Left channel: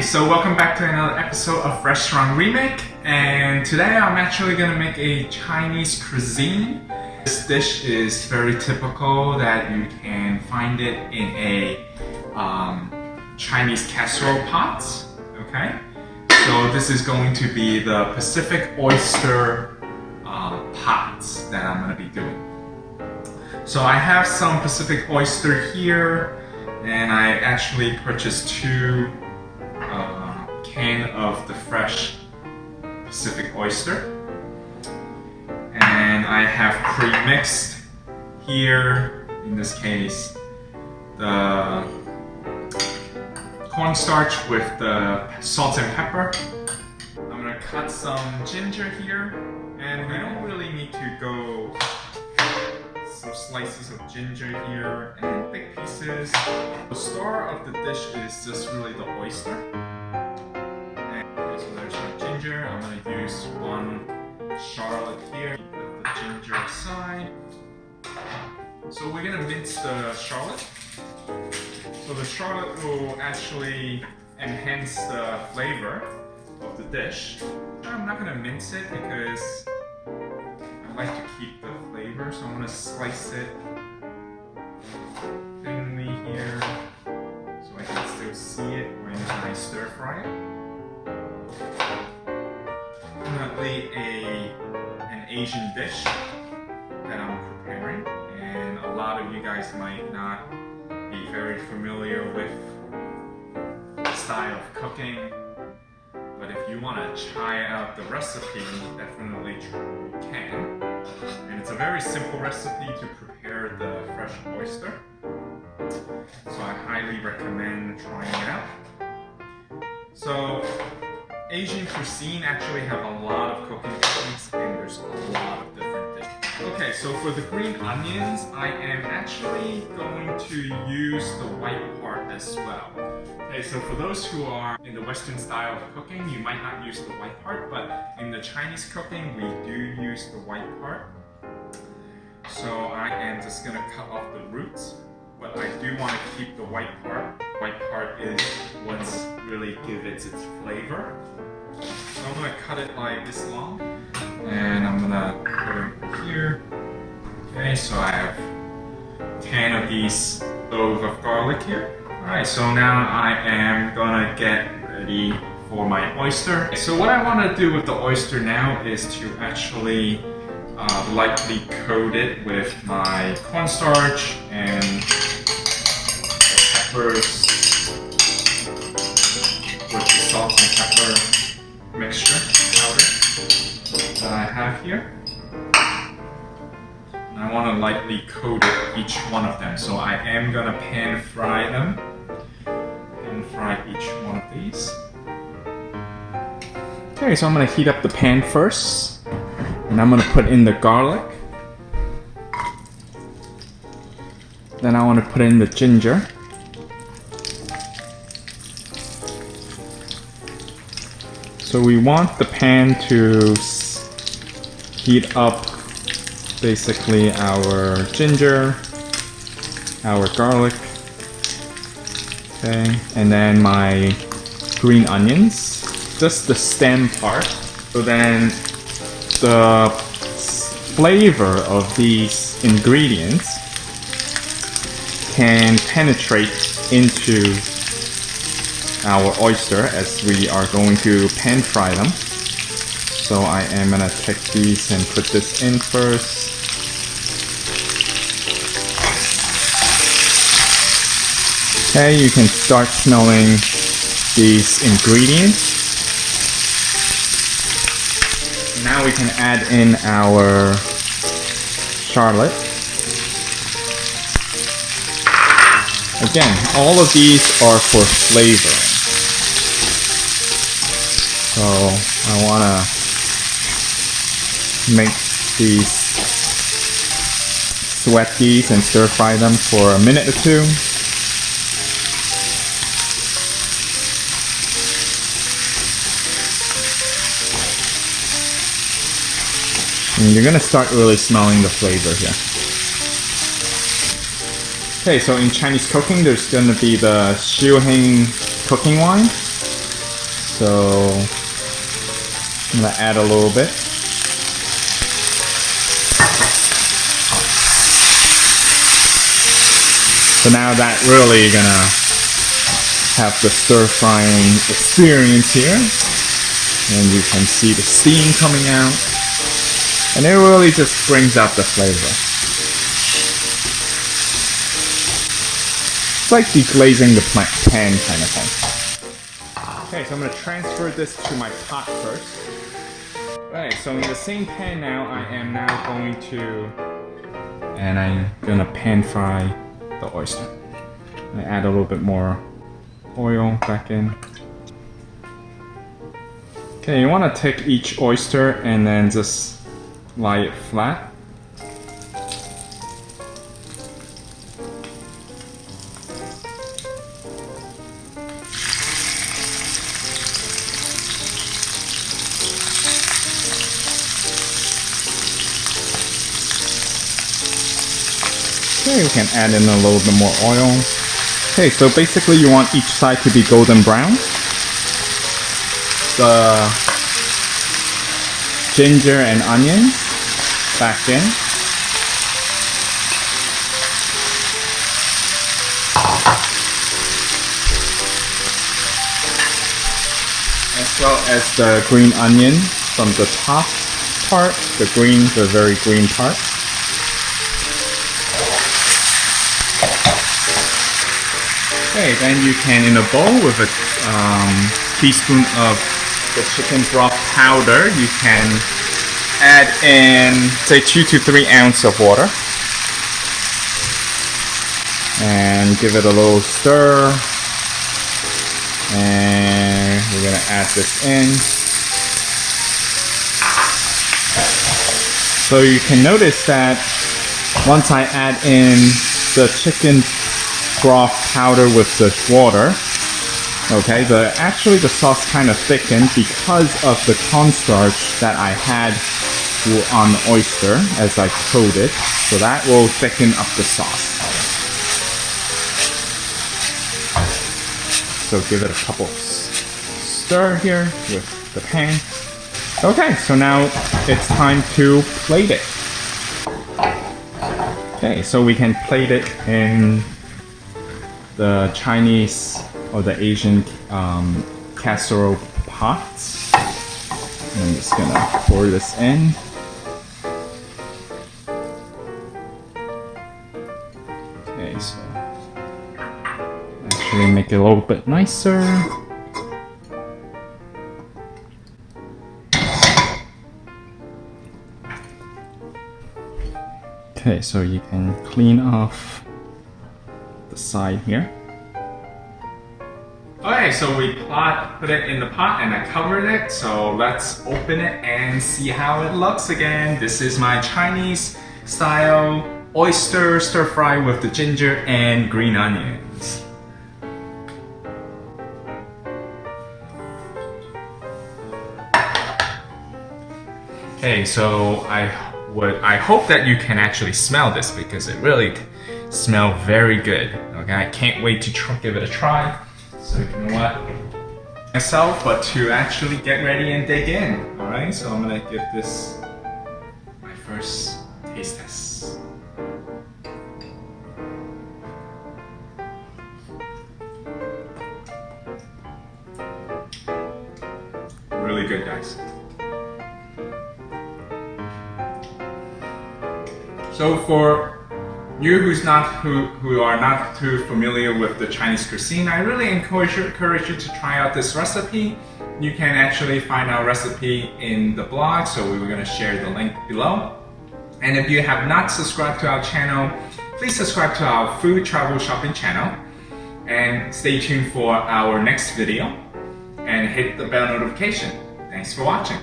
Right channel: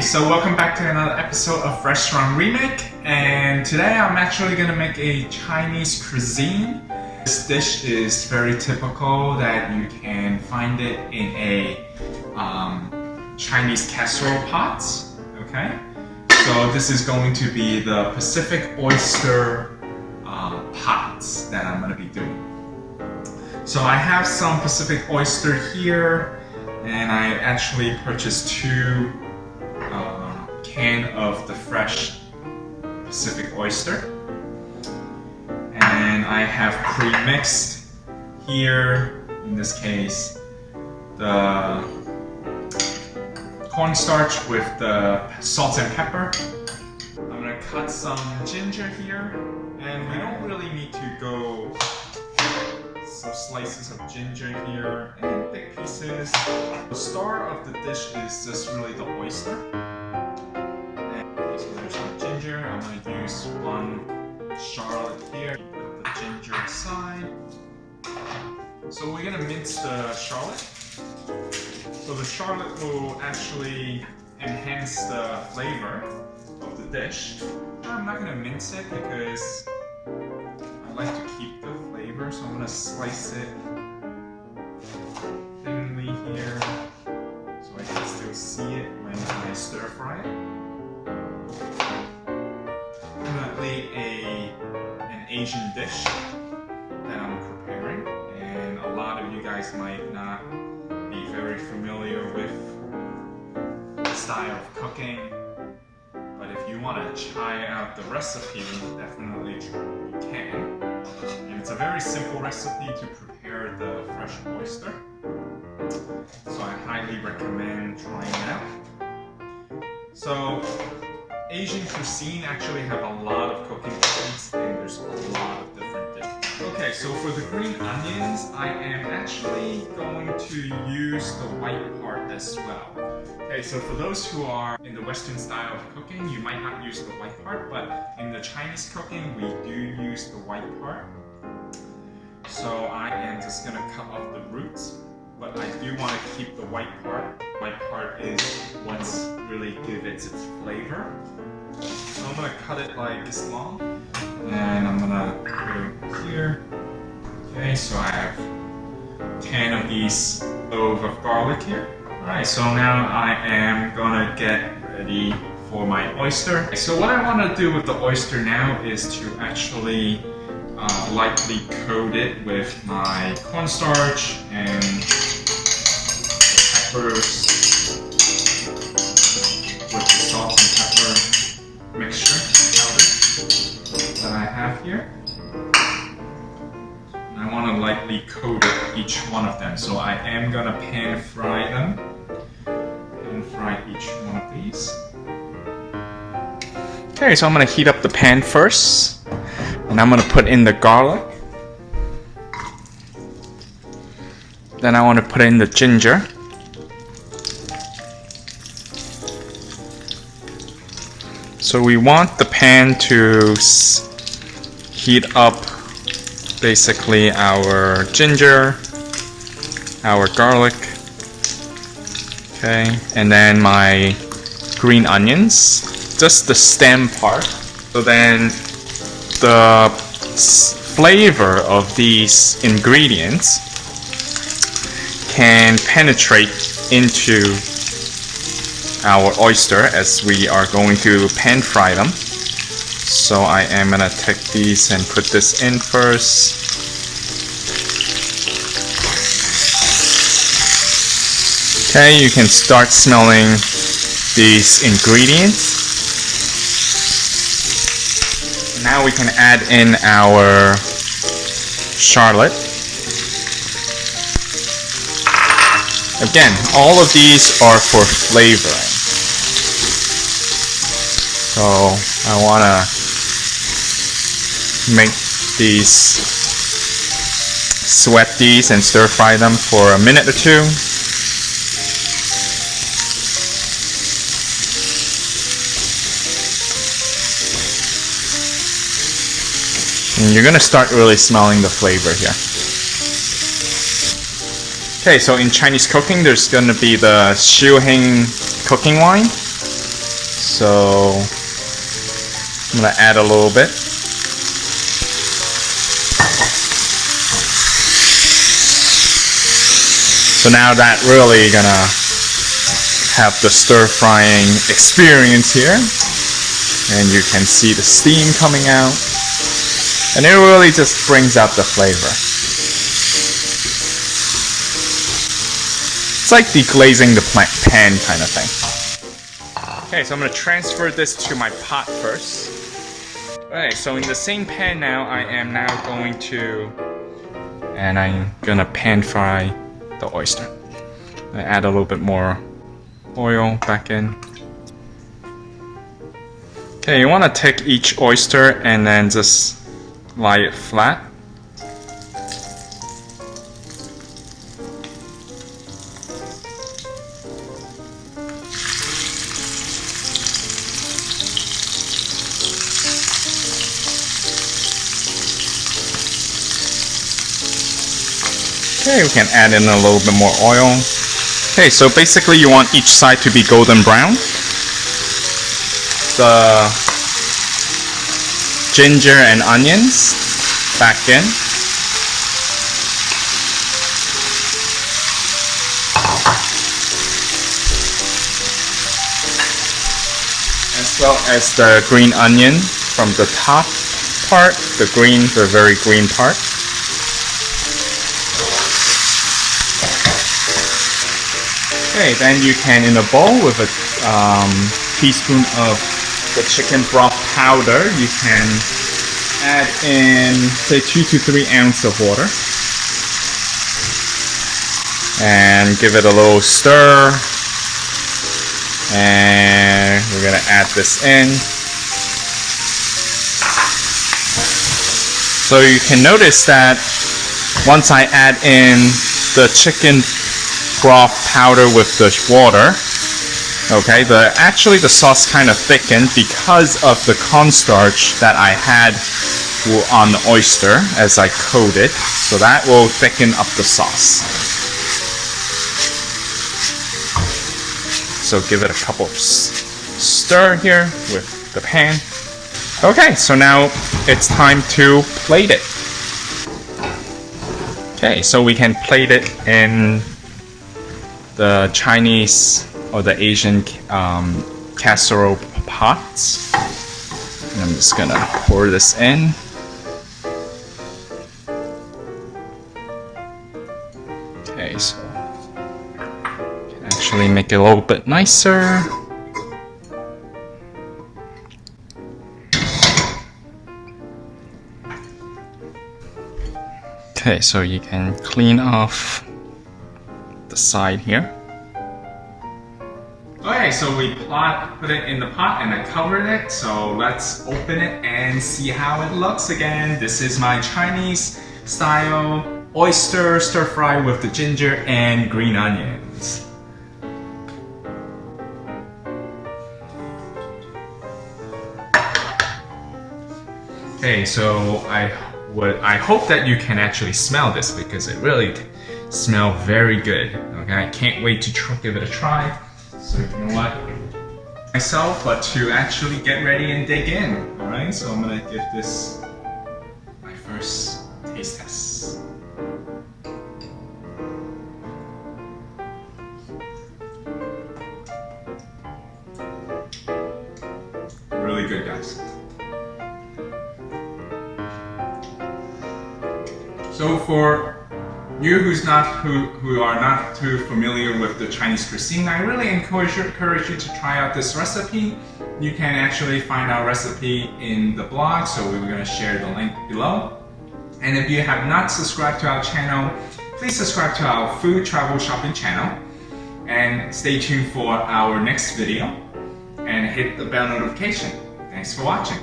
Hey, so welcome back to another episode of Restaurant Remake, and today I'm actually gonna make a Chinese cuisine. This dish is very typical that you can find it in a Chinese casserole pot, okay? So this is going to be the Pacific oyster pots that I'm gonna be doing. So I have some Pacific oyster here, and I actually purchased two can of the fresh Pacific oyster, and I have pre-mixed here, in this case, the cornstarch with the salt and pepper. I'm gonna cut some ginger here, and we don't really need to go some slices of ginger here and big pieces. The star of the dish is just really the oyster. So there's my ginger. I'm gonna use one shallot here, put the ginger aside. So we're gonna mince the shallot. So the shallot will actually enhance the flavor of the dish. I'm not gonna mince it because I like to keep the flavor, so I'm gonna slice it thinly here so I can still see it when I stir fry it. Definitely an Asian dish that I'm preparing, and a lot of you guys might not be very familiar with the style of cooking, but if you want to try out the recipe, definitely you can. And it's a very simple recipe to prepare the fresh oyster, so I highly recommend trying it out. So Asian cuisine actually have a lot of cooking techniques, and there's a lot of different dishes. Okay, so for the green onions, I am actually going to use the white part as well. Okay, so for those who are in the Western style of cooking, you might not use the white part, but in the Chinese cooking, we do use the white part. So I am just gonna cut off the roots, but I do want to keep the white part. White part is what's really gives it its flavor. So I'm gonna cut it like this long, and I'm gonna put it here. Okay, so I have 10 of these cloves of garlic here. Alright, so now I am gonna get ready for my oyster. So what I want to do with the oyster now is to actually lightly coat it with my cornstarch and the peppers with the salt and pepper mixture powder that I have here. And I want to lightly coat it, each one of them. So I am gonna pan fry them. Pan fry each one of these. Okay, so I'm gonna heat up the pan first, and I'm gonna put in the garlic. Then I want to put in the ginger. So we want the pan to heat up basically our ginger, our garlic, okay, and then my green onions, just the stem part. So then the flavor of these ingredients can penetrate into our oyster as we are going to pan fry them. So I am gonna take these and put this in first. Okay, you can start smelling these ingredients. Now we can add in our shallot. Again, all of these are for flavoring. So I want to make these, sweat these and stir fry them for a minute or two. And you're going to start really smelling the flavor here. Okay, so in Chinese cooking, there's going to be the Shaohsing cooking wine. So I'm gonna add a little bit. So now that really gonna have the stir frying experience here, and you can see the steam coming out, and it really just brings out the flavor. It's like deglazing the pan kind of thing. Okay, so I'm gonna transfer this to my pot first. Alright, so in the same pan now, I am now going to, and I'm gonna pan fry the oyster. I add a little bit more oil back in. Okay, you want to take each oyster and then just lie it flat. Okay, we can add in a little bit more oil. Okay, so basically you want each side to be golden brown. The ginger and onions back in. As well as the green onion from the top part, the very green part. Okay, then you can, in a bowl with a teaspoon of the chicken broth powder, you can add in, say, 2 to 3 ounces of water. And give it a little stir. And we're gonna add this in. So you can notice that once I add in the chicken broth powder with the water, okay, actually the sauce kind of thickened because of the cornstarch that I had on the oyster as I coated, so that will thicken up the sauce. So give it a couple of stir here with the pan. Okay, so now it's time to plate it. Okay, so we can plate it in the Chinese or the Asian casserole pots. I'm just gonna pour this in. Okay, so actually make it a little bit nicer. Okay, so you can clean off the side here. Okay, so we put it in the pot and I covered it, so let's open it and see how it looks again. This is my Chinese style oyster stir fry with the ginger and green onions. Okay, so I hope that you can actually smell this because it really smells very good. Okay, I can't wait to give it a try. So you know what? Myself, but to actually get ready and dig in. Alright, so I'm gonna give this my first taste test. Really good, guys. So for you who are not too familiar with the Chinese cuisine, I really encourage you to try out this recipe. You can actually find our recipe in the blog, so we were going to share the link below. And if you have not subscribed to our channel, please subscribe to our food travel shopping channel and stay tuned for our next video and hit the bell notification. Thanks for watching.